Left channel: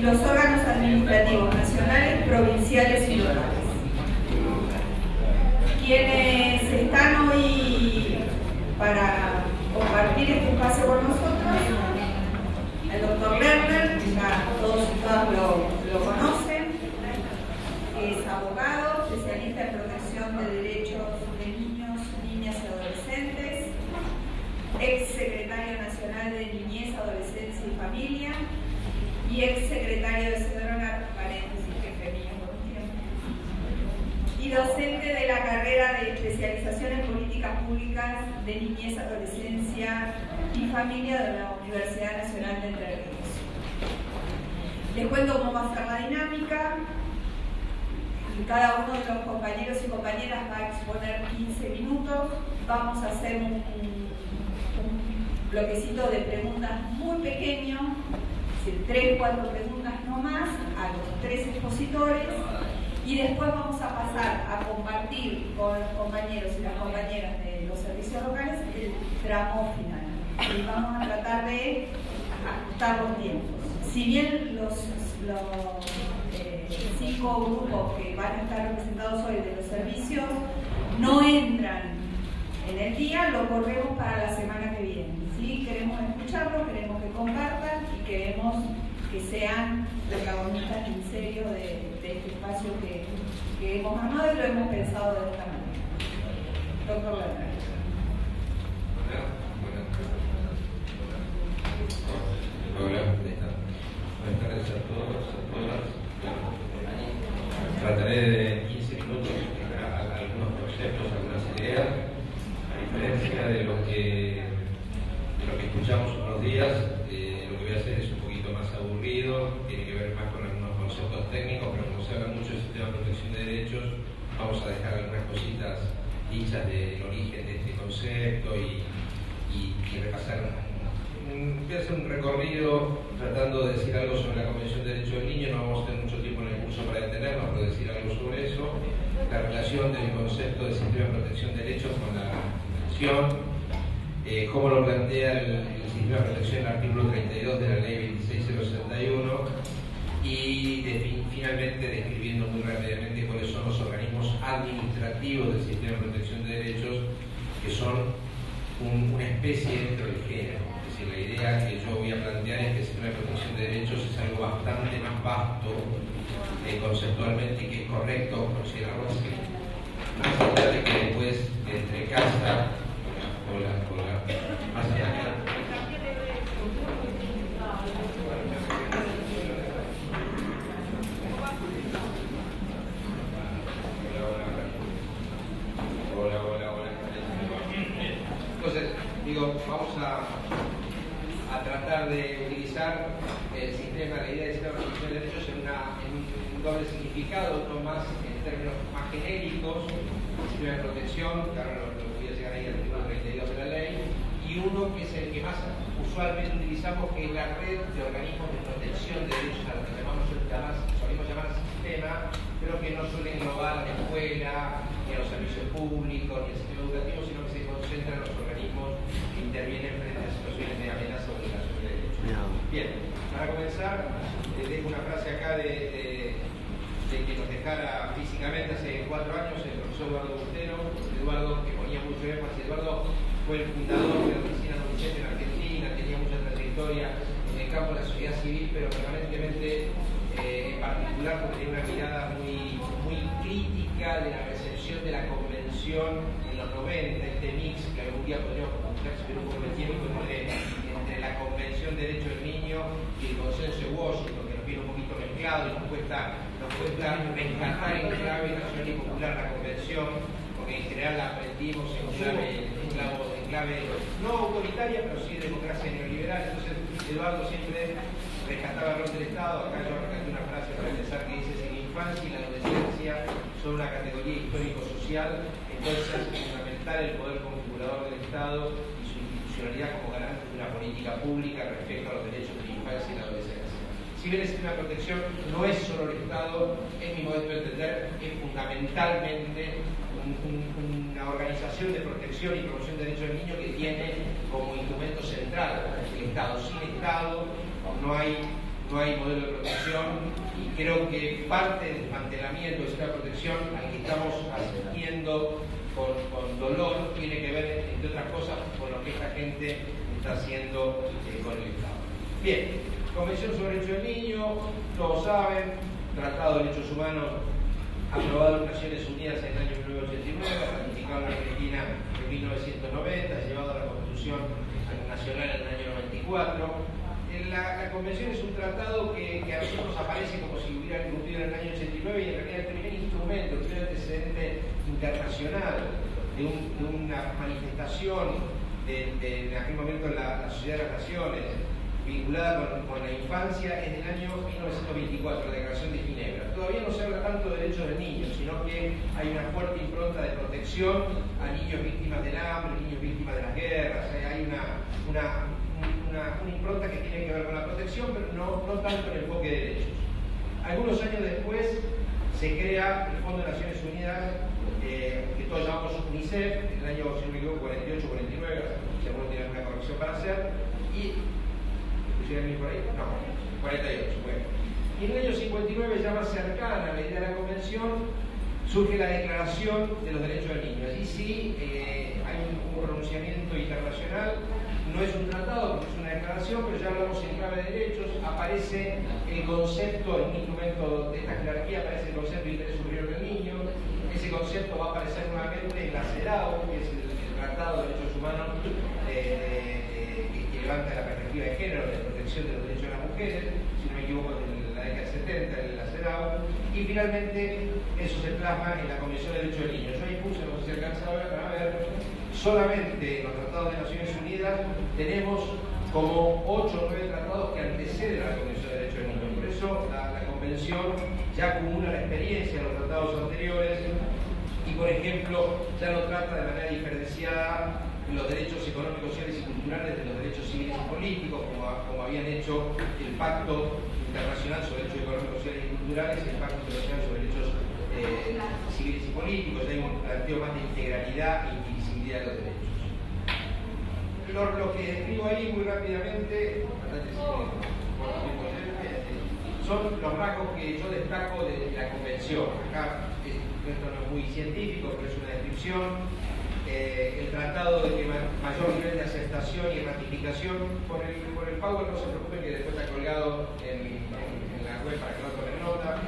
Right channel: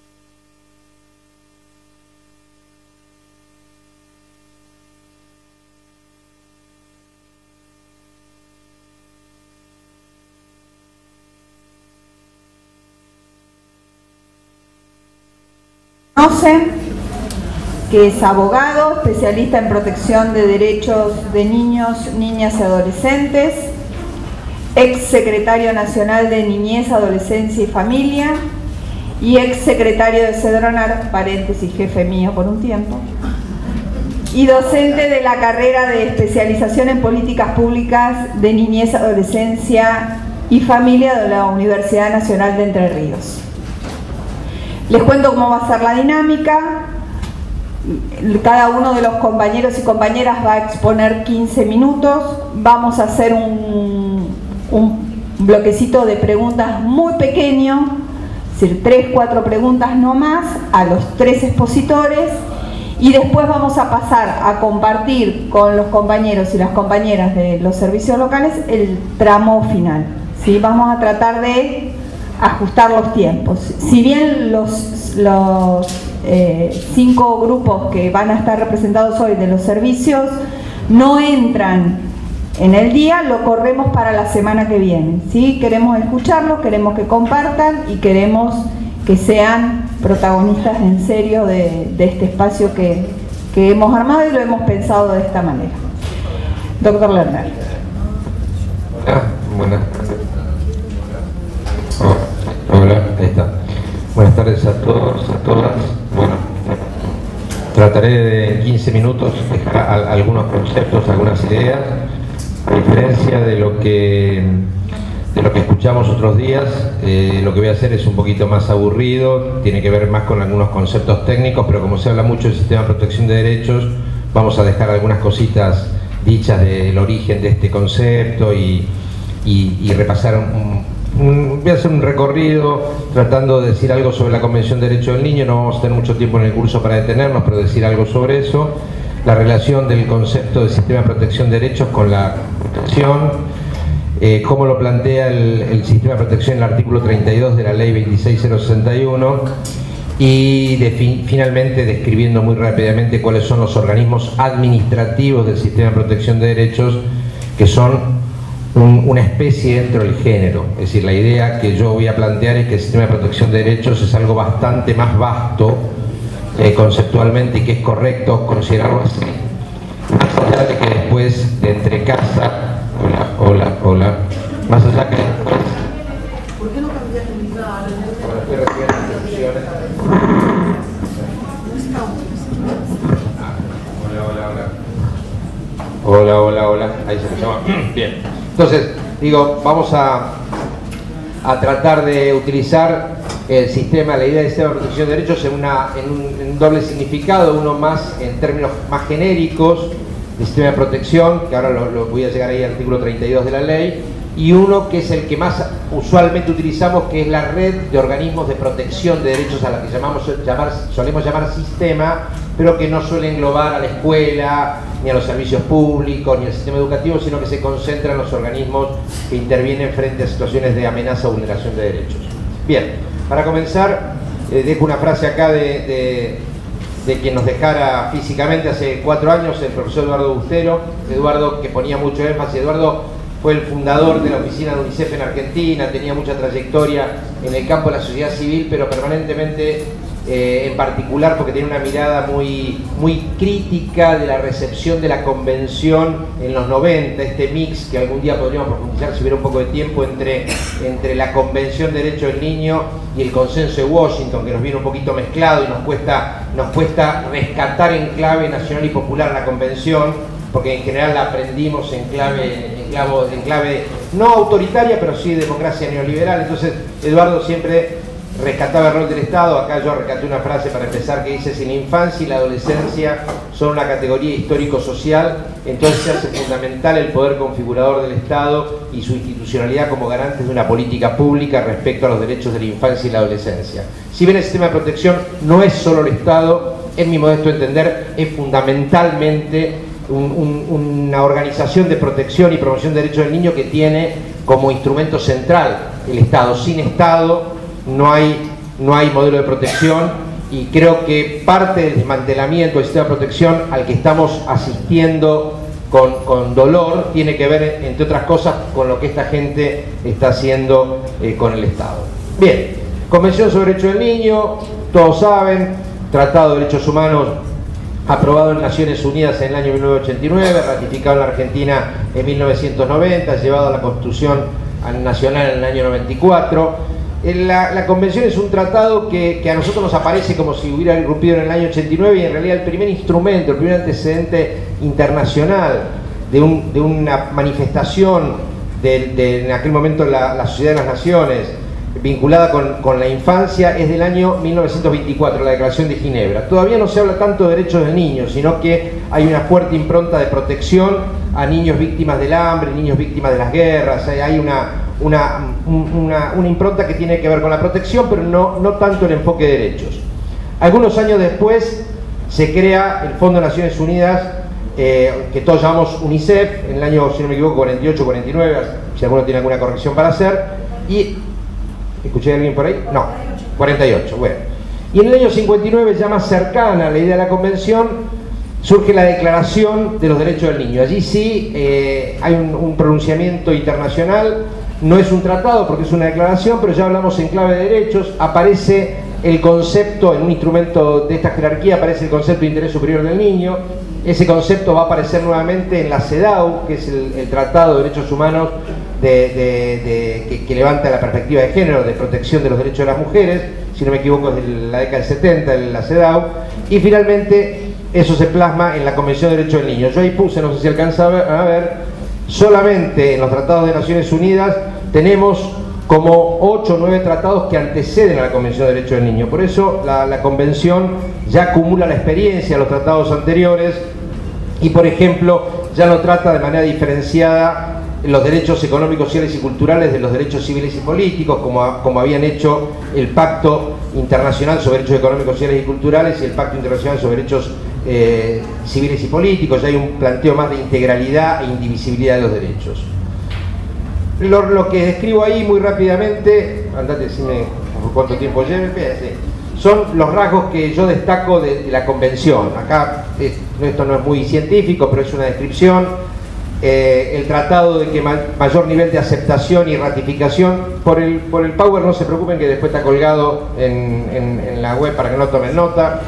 y los órganos administrativos nacionales, provinciales y locales. Quienes están hoy para compartir este espacio con nosotros, el doctor Lerner, ya todos y todas lo conocen, que es abogado, especialista en protección de derechos de niños, niñas y adolescentes, ex secretario nacional de Niñez, Adolescencia y Familia y ex secretario de Cedronar, paréntesis, jefe mío por un tiempo, y docente de la carrera de especialización en políticas públicas de niñez, adolescencia y familia de la Universidad Nacional de Entre Ríos. Les cuento cómo va a ser la dinámica. Cada uno de los compañeros y compañeras va a exponer 15 minutos. Vamos a hacer un bloquecito de preguntas muy pequeño, es decir, 3-4 preguntas no más, a los 3 expositores. Y después vamos a pasar a compartir con los compañeros y las compañeras de los servicios locales el tramo final, ¿sí? Vamos a tratar de ajustar los tiempos. Si bien los 5 grupos que van a estar representados hoy de los servicios no entran en el día, lo corremos para la semana que viene, ¿sí? Queremos escucharlos, queremos que compartan y queremos que sean protagonistas en serio de este espacio que hemos armado y lo hemos pensado de esta manera. Doctor Lerner. Buenas. Hola, ahí está. Buenas tardes a todos, a todas. Bueno, trataré de en 15 minutos dejar algunos conceptos, algunas ideas, a diferencia de lo que escuchamos otros días. Lo que voy a hacer es un poquito más aburrido, tiene que ver más con algunos conceptos técnicos, pero como se habla mucho del sistema de protección de derechos, vamos a dejar algunas cositas dichas del origen de este concepto y repasar voy a hacer un recorrido tratando de decir algo sobre la Convención de Derechos del Niño. No vamos a tener mucho tiempo en el curso para detenernos, pero decir algo sobre eso, la relación del concepto de sistema de protección de derechos con la protección, cómo lo plantea el sistema de protección en el artículo 32 de la ley 26061 y finalmente describiendo muy rápidamente cuáles son los organismos administrativos del sistema de protección de derechos, que son una especie dentro del género. Es decir, la idea que yo voy a plantear es que el sistema de protección de derechos es algo bastante más vasto conceptualmente, y que es correcto considerarlo así, más allá de que después de entre casa, hola, más allá que después... ¿Por qué no cambiaste mi cara? Hola, ahí se me llama. Bien. Entonces, digo, vamos a tratar de utilizar el sistema, la idea del sistema de protección de derechos en un doble significado, uno más en términos más genéricos, el sistema de protección, que ahora lo voy a llegar ahí al artículo 32 de la ley, y uno que es el que más usualmente utilizamos, que es la red de organismos de protección de derechos, a la que solemos llamar sistema, pero que no suele englobar a la escuela, ni a los servicios públicos, ni al sistema educativo, sino que se concentra en los organismos que intervienen frente a situaciones de amenaza o vulneración de derechos. Bien, para comenzar, dejo una frase acá de quien nos dejara físicamente hace 4 años, el profesor Eduardo Bustero. Eduardo, que ponía mucho énfasis, Eduardo fue el fundador de la oficina de UNICEF en Argentina, tenía mucha trayectoria en el campo de la sociedad civil, pero permanentemente, en particular porque tiene una mirada muy crítica de la recepción de la convención en los 90, este mix que algún día podríamos profundizar si hubiera un poco de tiempo entre la Convención de Derechos del Niño y el Consenso de Washington, que nos viene un poquito mezclado y nos cuesta rescatar en clave nacional y popular la convención, porque en general la aprendimos en clave no autoritaria, pero sí de democracia neoliberal. Entonces Eduardo siempre rescataba el rol del Estado. Acá yo rescaté una frase para empezar que dice: si la infancia y la adolescencia son una categoría histórico-social, entonces se hace fundamental el poder configurador del Estado y su institucionalidad como garantes de una política pública respecto a los derechos de la infancia y la adolescencia. Si bien el sistema de protección no es solo el Estado, en mi modesto entender es fundamentalmente una organización de protección y promoción de derechos del niño que tiene como instrumento central el Estado. Sin Estado no hay no hay modelo de protección, y creo que parte del desmantelamiento del sistema de protección al que estamos asistiendo con dolor tiene que ver, entre otras cosas, con lo que esta gente está haciendo con el Estado. Bien, Convención sobre Derechos del Niño, todos saben, Tratado de Derechos Humanos aprobado en Naciones Unidas en el año 1989, ratificado en la Argentina en 1990, llevado a la Constitución Nacional en el año 94. La Convención es un tratado que a nosotros nos aparece como si hubiera irrumpido en el año 89, y en realidad el primer instrumento, el primer antecedente internacional de una manifestación en aquel momento la Sociedad de las Naciones vinculada con la infancia es del año 1924, la Declaración de Ginebra. Todavía no se habla tanto de derechos del niño, sino que hay una fuerte impronta de protección a niños víctimas del hambre, niños víctimas de las guerras. Hay una impronta que tiene que ver con la protección, pero no tanto el enfoque de derechos. Algunos años después se crea el Fondo de Naciones Unidas, que todos llamamos UNICEF, en el año, si no me equivoco, 48, 49, si alguno tiene alguna corrección para hacer, y... ¿escuché a alguien por ahí? No, 48, bueno. Y en el año 59, ya más cercana a la idea de la Convención, surge la Declaración de los Derechos del Niño. Allí sí hay un pronunciamiento internacional, no es un tratado porque es una declaración, pero ya hablamos en clave de derechos. Aparece el concepto, en un instrumento de esta jerarquía, aparece el concepto de interés superior del niño. Ese concepto va a aparecer nuevamente en la CEDAW, que es el Tratado de Derechos Humanos que levanta la perspectiva de género, de protección de los derechos de las mujeres, si no me equivoco es de la década del 70, en la CEDAW, y finalmente eso se plasma en la Convención de Derechos del Niño. Yo ahí puse, no sé si alcanza a ver, solamente en los tratados de Naciones Unidas tenemos como 8 o 9 tratados que anteceden a la Convención de Derechos del Niño. Por eso la Convención ya acumula la experiencia de los tratados anteriores y, por ejemplo, ya no trata de manera diferenciada los derechos económicos, sociales y culturales de los derechos civiles y políticos, como habían hecho el Pacto Internacional sobre Derechos Económicos, Sociales y Culturales y el Pacto Internacional sobre Derechos Civiles y Políticos. Ya hay un planteo más de integralidad e indivisibilidad de los derechos. Lo que describo ahí muy rápidamente, andate, decime cuánto tiempo lleve, son los rasgos que yo destaco de la Convención. Acá esto no es muy científico, pero es una descripción. El tratado de que mayor nivel de aceptación y ratificación por el Power, no se preocupen que después está colgado en la web para que no tomen nota.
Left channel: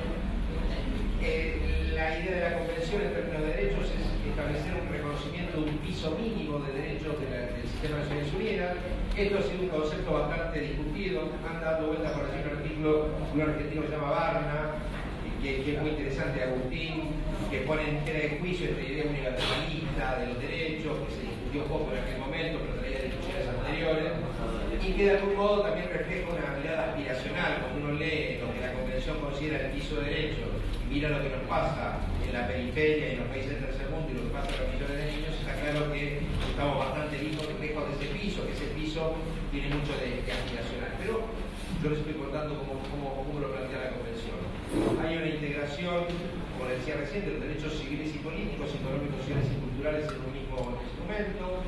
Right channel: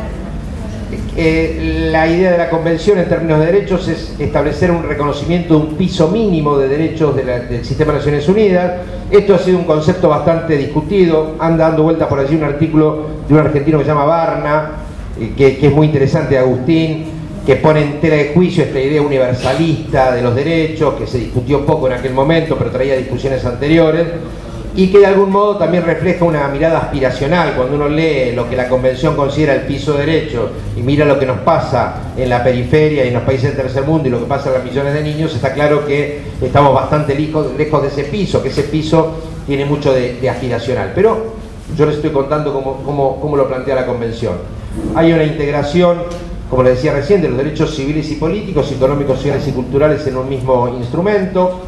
La idea de la Convención en términos de derechos es establecer un reconocimiento de un piso mínimo de derechos del Sistema de Naciones Unidas. Esto ha sido un concepto bastante discutido, anda dando vuelta por allí un artículo de un argentino que se llama Barna, que es muy interesante, de Agustín, que pone en tela de juicio esta idea universalista de los derechos, que se discutió poco en aquel momento, pero traía discusiones anteriores, y que de algún modo también refleja una mirada aspiracional. Cuando uno lee lo que la Convención considera el piso de derechos y mira lo que nos pasa en la periferia y en los países del tercer mundo y lo que pasa a las millones de niños, está claro que estamos bastante lejos de ese piso, que ese piso tiene mucho de aspiracional. Pero yo les estoy contando cómo lo plantea la Convención. Hay una integración, como les decía recién, de los derechos civiles y políticos, económicos, sociales y culturales en un mismo instrumento.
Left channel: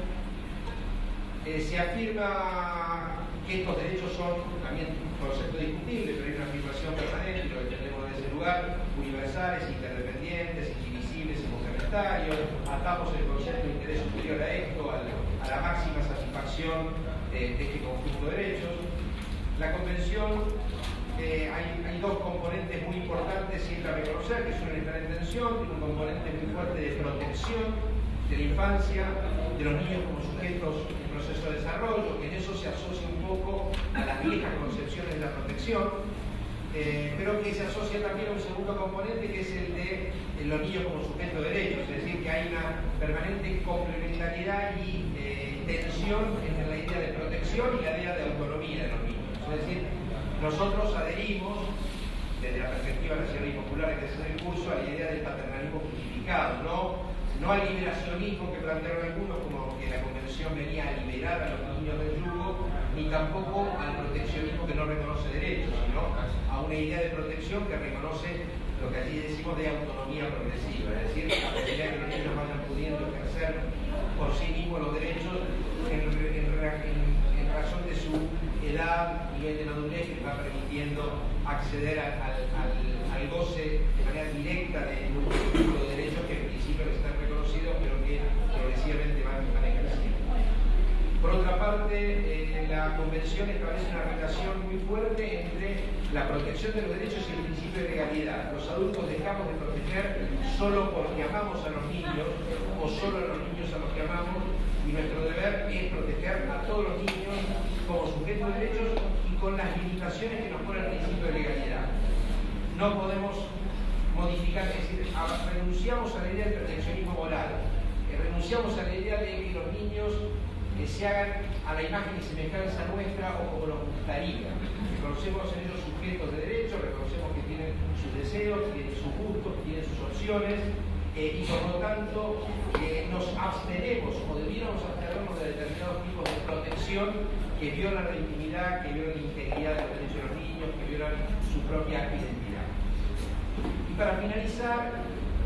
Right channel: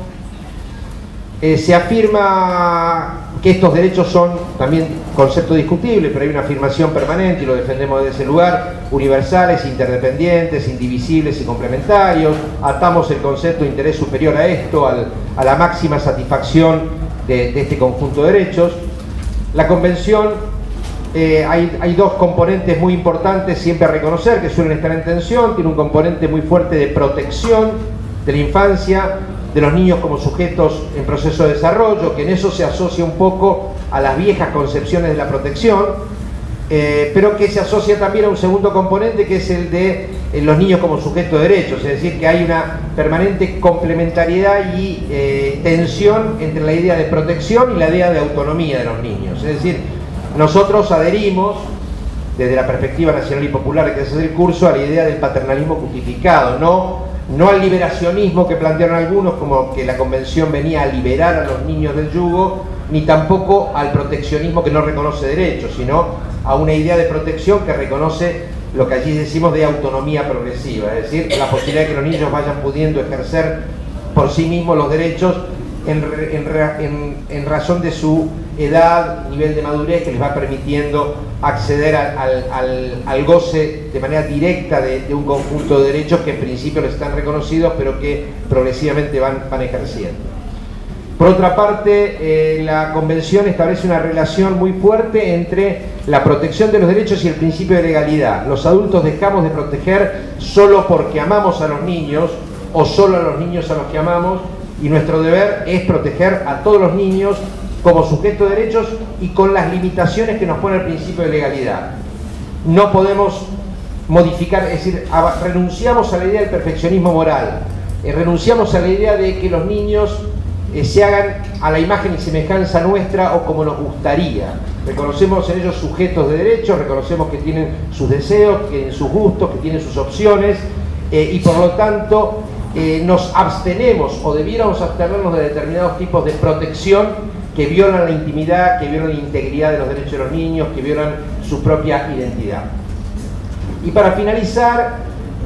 Se afirma que estos derechos son también concepto discutible, pero hay una afirmación permanente y lo defendemos desde ese lugar: universales, interdependientes, indivisibles y complementarios. Atamos el concepto de interés superior a esto, a la máxima satisfacción de este conjunto de derechos. La Convención, hay dos componentes muy importantes siempre a reconocer, que suelen estar en tensión. Tiene un componente muy fuerte de protección de la infancia, de los niños como sujetos en proceso de desarrollo, que en eso se asocia un poco a las viejas concepciones de la protección, pero que se asocia también a un segundo componente, que es el de los niños como sujetos de derechos. Es decir, que hay una permanente complementariedad y tensión entre la idea de protección y la idea de autonomía de los niños. Es decir, nosotros adherimos desde la perspectiva nacional y popular que es el curso a la idea del paternalismo justificado, no al liberacionismo que plantearon algunos, como que la Convención venía a liberar a los niños del yugo, ni tampoco al proteccionismo que no reconoce derechos, sino a una idea de protección que reconoce lo que allí decimos de autonomía progresiva, es decir, la posibilidad de que los niños vayan pudiendo ejercer por sí mismos los derechos en razón de su edad, nivel de madurez que les va permitiendo acceder al goce de manera directa de un conjunto de derechos que en principio les están reconocidos, pero que progresivamente van ejerciendo. Por otra parte, la Convención establece una relación muy fuerte entre la protección de los derechos y el principio de legalidad. Los adultos dejamos de proteger solo porque amamos a los niños o solo a los niños a los que amamos, y nuestro deber es proteger a todos los niños como sujetos de derechos y con las limitaciones que nos pone el principio de legalidad. No podemos modificar, es decir, renunciamos a la idea del perfeccionismo moral, renunciamos a la idea de que los niños se hagan a la imagen y semejanza nuestra o como nos gustaría. Reconocemos en ellos sujetos de derechos, reconocemos que tienen sus deseos, que tienen sus gustos, que tienen sus opciones, y por lo tanto nos abstenemos o debiéramos abstenernos de determinados tipos de protección que violan la intimidad, que violan la integridad de los derechos de los niños, que violan su propia identidad. Y para finalizar,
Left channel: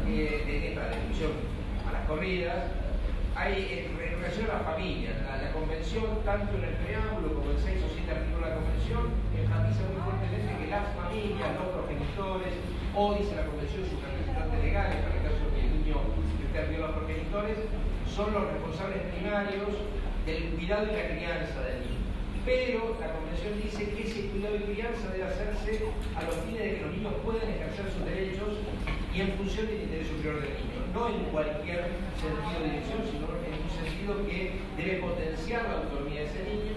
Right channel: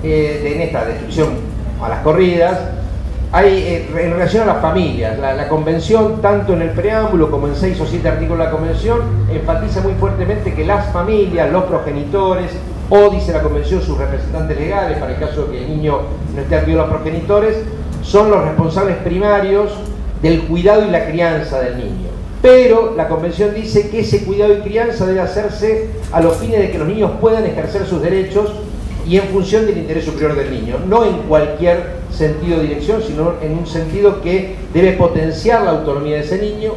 en esta descripción a las corridas, hay en relación a las familias, la Convención, tanto en el preámbulo como en 6 o 7 artículos de la Convención, enfatiza muy fuertemente que las familias, los progenitores, o dice la Convención sus representantes legales, para el caso de que el niño no esté al pie de los progenitores, son los responsables primarios del cuidado y la crianza del niño. Pero la Convención dice que ese cuidado y crianza debe hacerse a los fines de que los niños puedan ejercer sus derechos y en función del interés superior del niño, no en cualquier sentido o dirección, sino en un sentido que debe potenciar la autonomía de ese niño,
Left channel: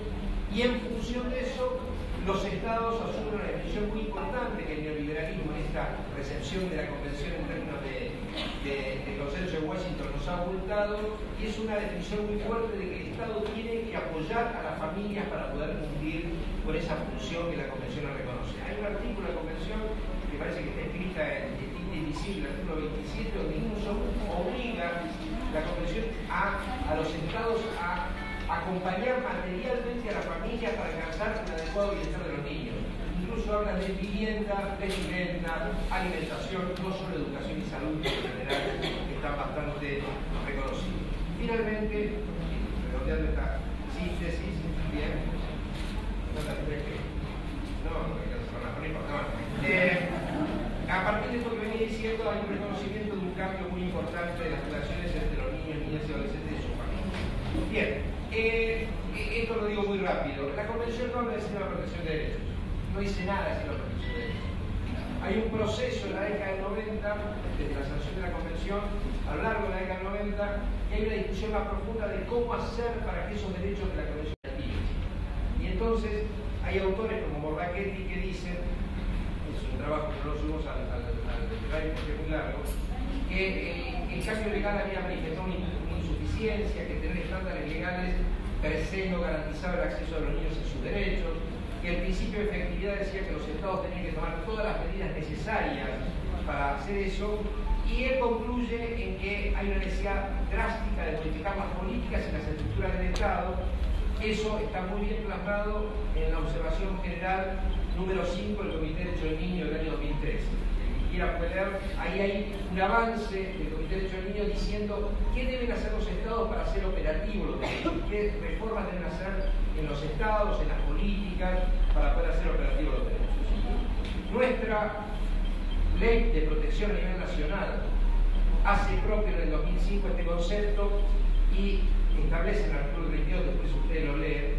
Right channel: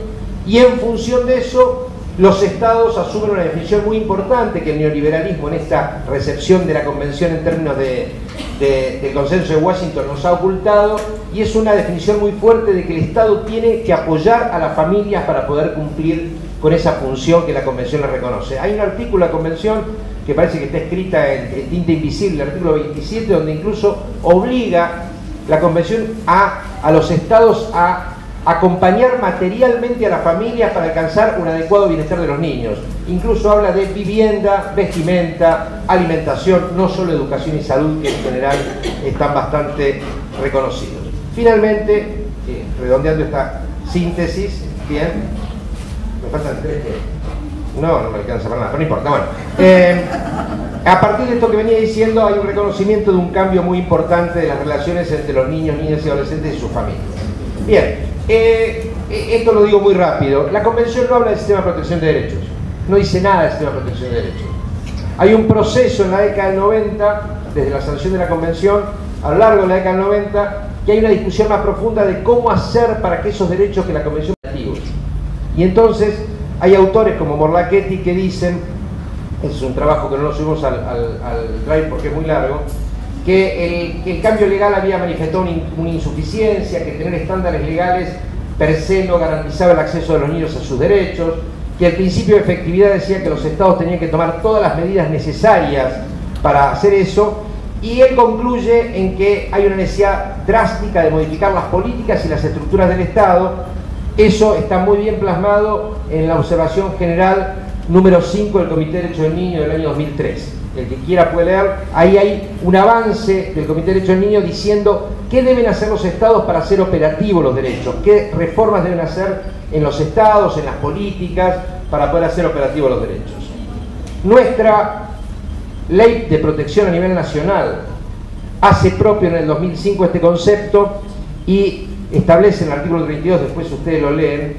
y en función de eso los estados asumen una definición muy importante que el neoliberalismo en esta recepción de la Convención en términos del consenso de Washington nos ha ocultado, y es una definición muy fuerte de que el Estado tiene que apoyar a las familias para poder cumplir con esa función que la Convención le reconoce. Hay un artículo de la Convención que parece que está escrita en tinta invisible, el artículo 27, donde incluso obliga la Convención a los estados a acompañar materialmente a las familias para alcanzar un adecuado bienestar de los niños. Incluso habla de vivienda, vestimenta, alimentación, no solo educación y salud, que en general están bastante reconocidos. Finalmente, redondeando esta síntesis, bien, me faltan 3. No me alcanza para nada, pero no importa. Bueno, a partir de esto que venía diciendo, hay un reconocimiento de un cambio muy importante de las relaciones entre los niños, niñas y adolescentes y sus familias. Bien, esto lo digo muy rápido. La Convención no habla del sistema de protección de derechos, no dice nada del sistema de protección de derechos. Hay un proceso en la década del 90, desde la sanción de la Convención, a lo largo de la década del 90, que hay una discusión más profunda de cómo hacer para que esos derechos que la Convención activos. Y entonces hay autores como Morlachetti que dicen, es un trabajo que no lo subimos al drive porque es muy largo, que el cambio legal había manifestado una insuficiencia, que tener estándares legales per se no garantizaba el acceso de los niños a sus derechos, que el principio de efectividad decía que los estados tenían que tomar todas las medidas necesarias para hacer eso, y él concluye en que hay una necesidad drástica de modificar las políticas y las estructuras del Estado. Eso está muy bien plasmado en la observación general número 5 del Comité de Derechos del Niño del año 2003. El que quiera puede leer, ahí hay un avance del Comité de Derechos del Niño diciendo qué deben hacer los estados para hacer operativos los derechos, qué reformas deben hacer en los estados, en las políticas, para poder hacer operativos los derechos. Nuestra ley de protección a nivel nacional hace propio en el 2005 este concepto y establece en el artículo 32, después ustedes lo leen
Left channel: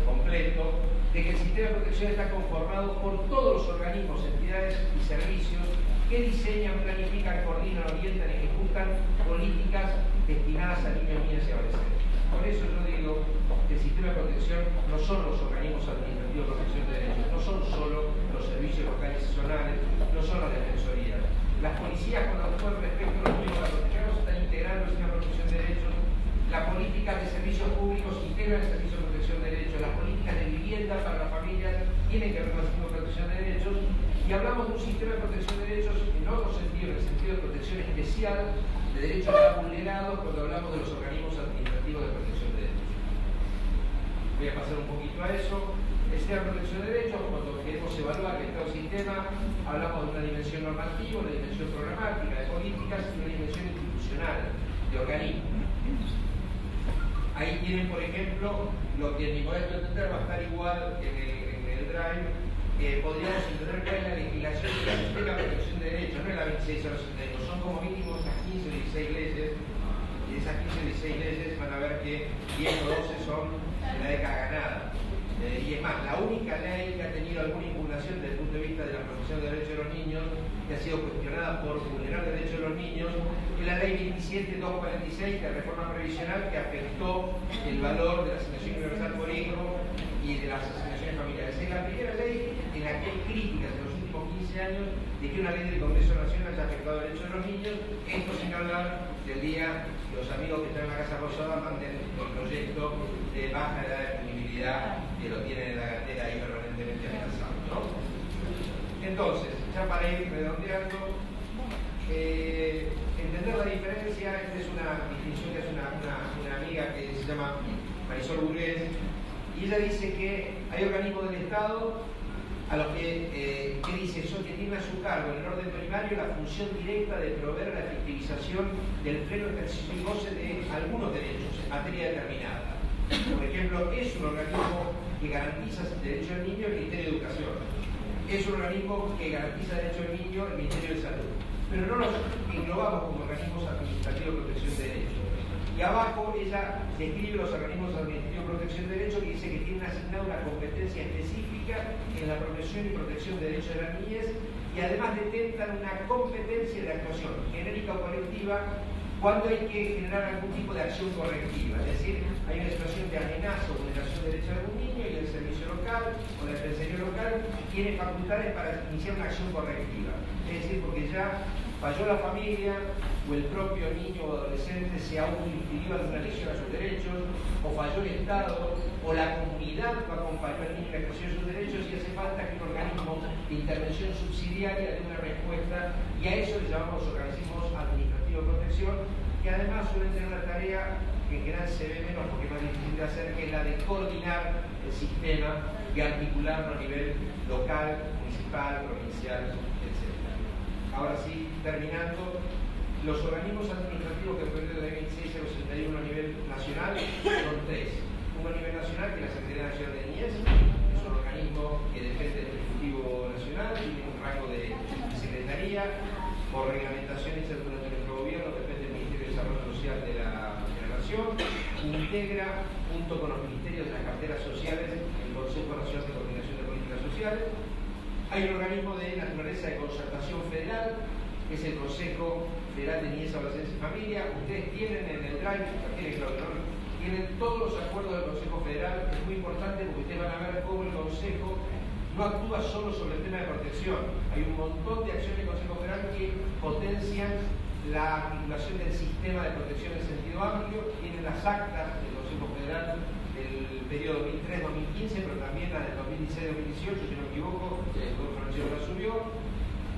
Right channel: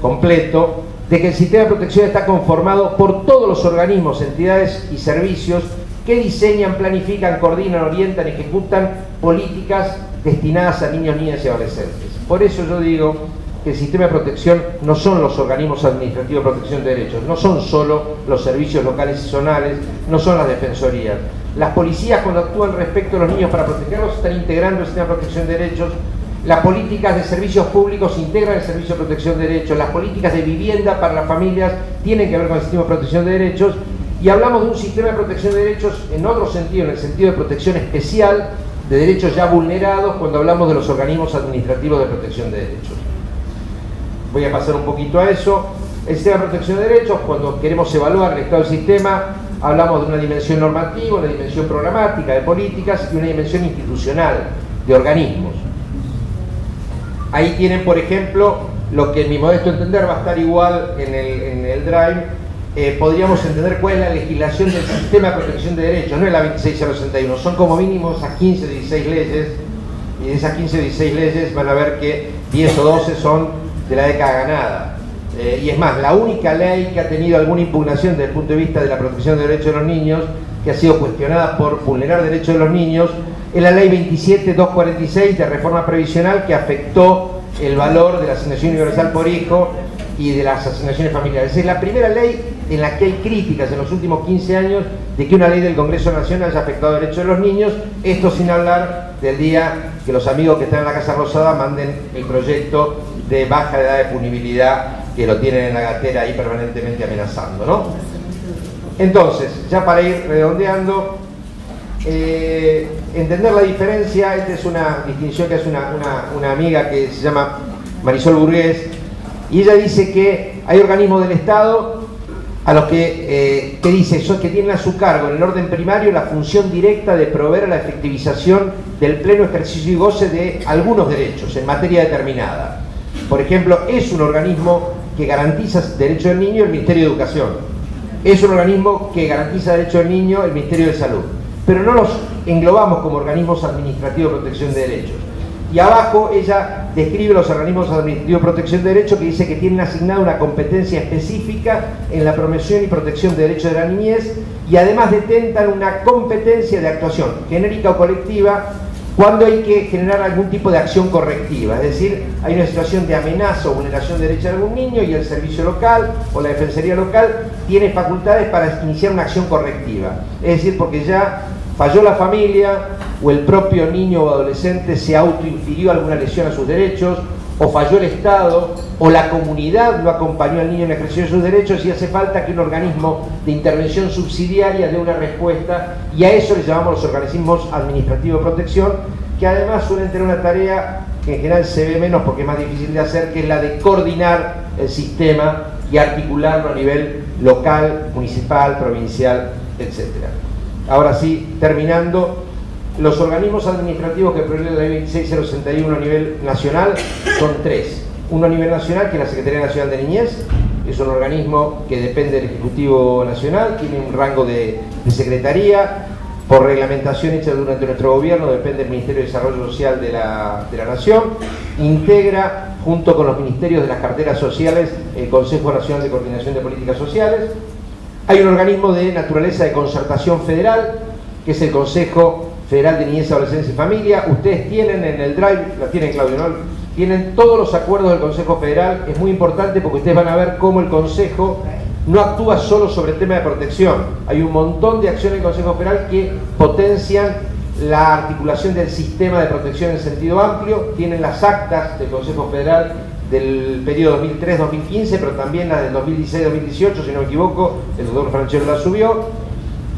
completo, de que el sistema de protección está conformado por todos los organismos, entidades y servicios que diseñan, planifican, coordinan, orientan y ejecutan políticas destinadas a niños, niñas y adolescentes. Por eso yo digo que el sistema de protección no son los organismos administrativos de protección de derechos, no son solo los servicios locales y zonales, no son las defensorías. Las policías, cuando actúan respecto a los niños para protegerlos, están integrando el sistema de protección de derechos. Las políticas de servicios públicos integran el servicio de protección de derechos. Las políticas de vivienda para las familias tienen que ver con el sistema de protección de derechos. Y hablamos de un sistema de protección de derechos en otro sentido, en el sentido de protección especial de derechos ya vulnerados, cuando hablamos de los organismos administrativos de protección de derechos. Voy a pasar un poquito a eso. El sistema de protección de derechos, cuando queremos evaluar el estado del sistema, hablamos de una dimensión normativa, una dimensión programática de políticas y una dimensión institucional de organismos. Ahí tienen, por ejemplo, lo que en mi modesto entender va a estar igual en el Drive. Podríamos entender cuál es la legislación del sistema de protección de derechos, no es la 26061, son como mínimo esas 15 o 16 leyes, y de esas 15 o 16 leyes van a ver que 10 o 12 son de la década ganada. Y es más, la única ley que ha tenido alguna impugnación desde el punto de vista de la protección de derechos de los niños, que ha sido cuestionada por vulnerar derechos de los niños, es la ley 27246 de reforma previsional, que afectó el valor de la asignación universal por hijo y de las asignaciones familiares. Es la primera ley en la que hay críticas en los últimos 15 años de que una ley del Congreso Nacional haya afectado derechos de los niños, esto sin hablar del día que los amigos que están en la Casa Rosada manden el proyecto de baja de edad de punibilidad, que lo tienen en la gatera ahí permanentemente amenazando, ¿no? Entonces, ya para ir redondeando, entender la diferencia. Esta es una distinción que hace una amiga que se llama Marisol Burgués, y ella dice que hay organismos del Estado a los que dice que tienen a su cargo en el orden primario la función directa de proveer a la efectivización del pleno ejercicio y goce de algunos derechos en materia determinada. Por ejemplo, es un organismo que garantiza derechos del niño el Ministerio de Educación, es un organismo que garantiza derechos del niño el Ministerio de Salud, pero no los englobamos como organismos administrativos de protección de derechos. Y abajo ella describe los organismos administrativos de protección de derechos, que dice que tienen asignada una competencia específica en la promoción y protección de derechos de la niñez, y además detentan una competencia de actuación genérica o colectiva cuando hay que generar algún tipo de acción correctiva, es decir, hay una situación de amenaza o vulneración de derechos de algún niño y el servicio local o la defensoría local tiene facultades para iniciar una acción correctiva, es decir, porque ya falló la familia o el propio niño o adolescente se autoinfirió alguna lesión a sus derechos, o falló el Estado, o la comunidad no acompañó al niño en la ejercicio de sus derechos, y hace falta que un organismo de intervención subsidiaria dé una respuesta, y a eso le llamamos los organismos administrativos de protección, que además suelen tener una tarea que en general se ve menos porque es más difícil de hacer, que es la de coordinar el sistema y articularlo a nivel local, municipal, provincial, etc. Ahora sí, terminando, los organismos administrativos que prevé la ley 26061 a nivel nacional son tres. Uno a nivel nacional, que es la Secretaría Nacional de Niñez, es un organismo que depende del Ejecutivo Nacional, tiene un rango de secretaría, por reglamentación hecha durante nuestro gobierno, depende del Ministerio de Desarrollo Social de la Nación, integra junto con los ministerios de las carteras sociales el Consejo Nacional de Coordinación de Políticas Sociales. Hay un organismo de naturaleza de concertación federal, que es el Consejo Federal de Niñez, Adolescencia y Familia. Ustedes tienen en el Drive, la tienen, Claudio, ¿no? Tienen todos los acuerdos del Consejo Federal. Es muy importante porque ustedes van a ver cómo el Consejo no actúa solo sobre el tema de protección. Hay un montón de acciones del Consejo Federal que potencian la articulación del sistema de protección en sentido amplio. Tienen las actas del Consejo Federal del periodo 2003-2015, pero también las del 2016-2018, si no me equivoco, el doctor Franchero la subió.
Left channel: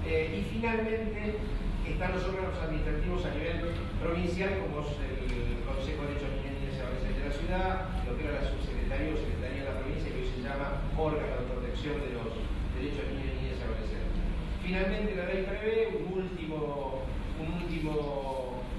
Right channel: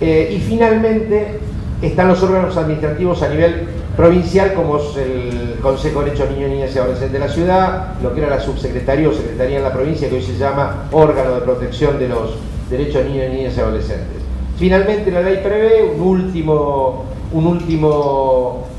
Y finalmente están los órganos administrativos a nivel provincial, como es el Consejo de Derechos Niños, Niñas y Adolescentes de la ciudad, lo que era la subsecretaría o secretaría en la provincia, que hoy se llama Órgano de Protección de los Derechos de Niños, Niñas y Adolescentes. Finalmente la ley prevé un último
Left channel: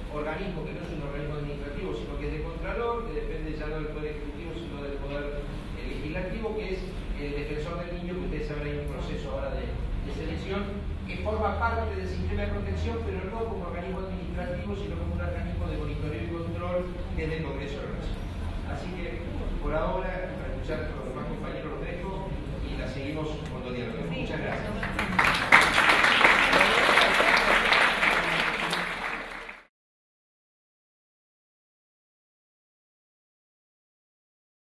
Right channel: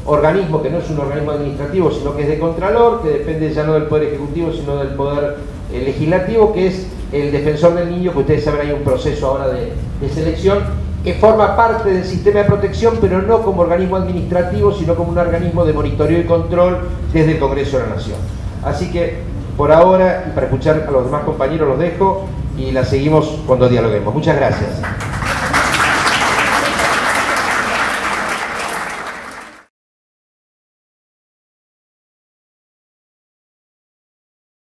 organismo, que no es un organismo administrativo, sino que es de Contralor, que depende ya no del Poder Ejecutivo, sino del Poder Legislativo, que es el Defensor del Niño, que ustedes saben hay un proceso ahora de selección, que forma parte del sistema de protección, pero no como organismo administrativo, sino como un organismo de monitoreo y control desde el Congreso de la Nación. Así que, por ahora, y para escuchar a los demás compañeros, los dejo y la seguimos cuando dialoguemos. Muchas gracias.